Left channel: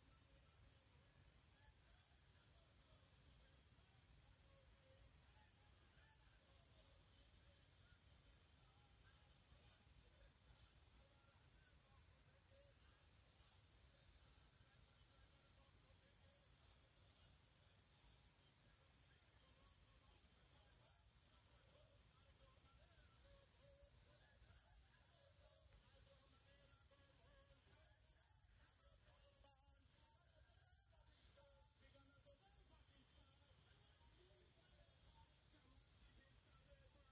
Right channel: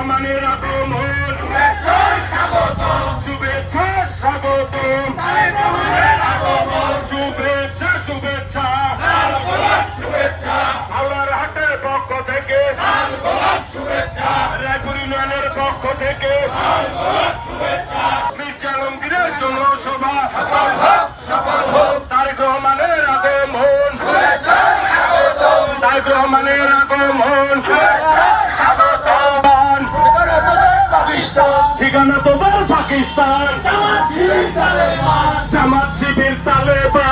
রহমানের আগমন শুভেচ্ছা স্বাগতম। শুভেচ্ছা শুভেচ্ছা। হাওড়ার হাটের পক্ষ থেকে। রায়পুর ইউনিয়নের পক্ষ থেকে। মির্জা আলমগীরের জনসভা। তারেক রহমানের আগমন। তারেক রহমানের আগমন। পাকিস্তান। জামাত শিবির তালেবান।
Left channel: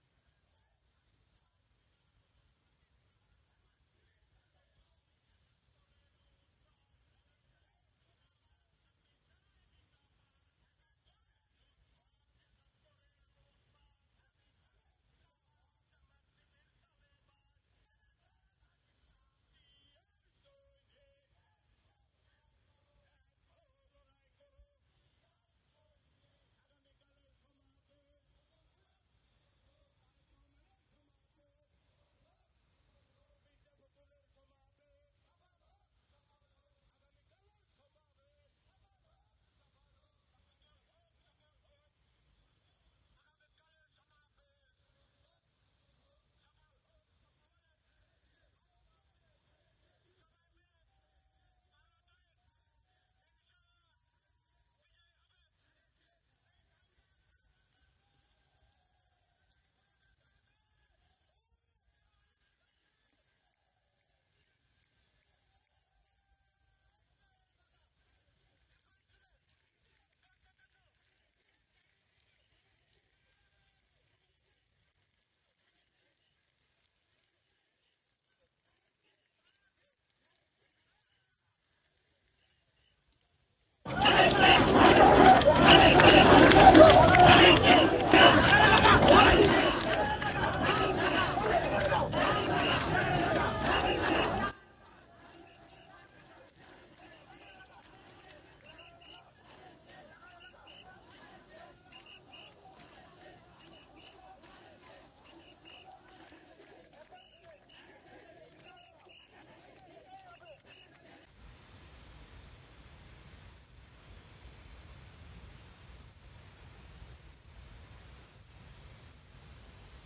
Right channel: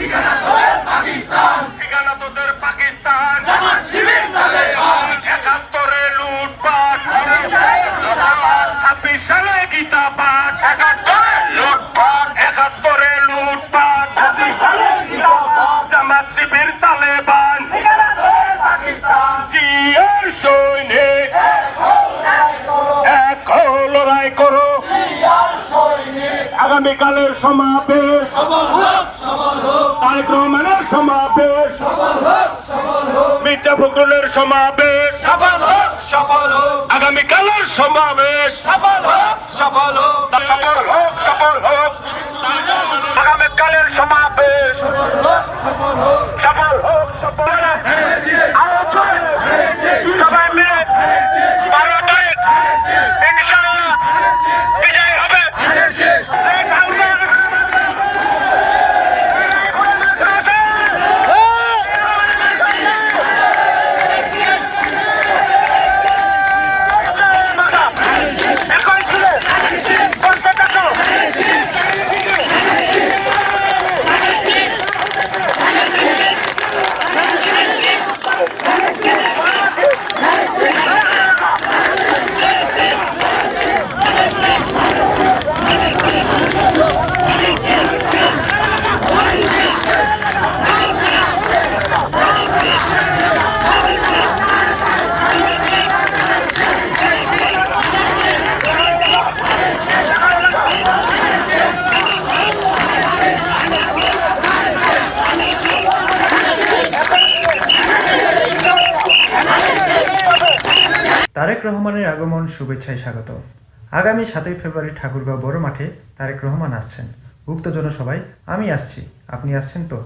ঠিকানা তোদের পাকিস্তান। একাত্তরে লুটপাট। ছাব্বিশ সালে গীতা পাঠ। একাত্তরে লুটপাট। একাত্তরে লুটপাট। ছাব্বিশ সালে গীতা পাঠ। জামাত শিবির তালেবান। জিয়ার সৈনিক। এক লড়াই করো। আগামীকালের সমাবেশ। তারেক রহমানের সমাবেশ। মির্জা ফখরুলের সমাবেশ। আগামীকালের সমাবেশ। সফল হোক সফল তারেক রহমানের আগমন শুভেচ্ছায় স্বাগত। আগামী সাতই ফেব্রুয়ারি ঠাকুরগাঁও বড় মাঠে তারেক রহমান আসছেন। উক্ত জনসভায় আমি আসছি। আপনি আসছেন তো?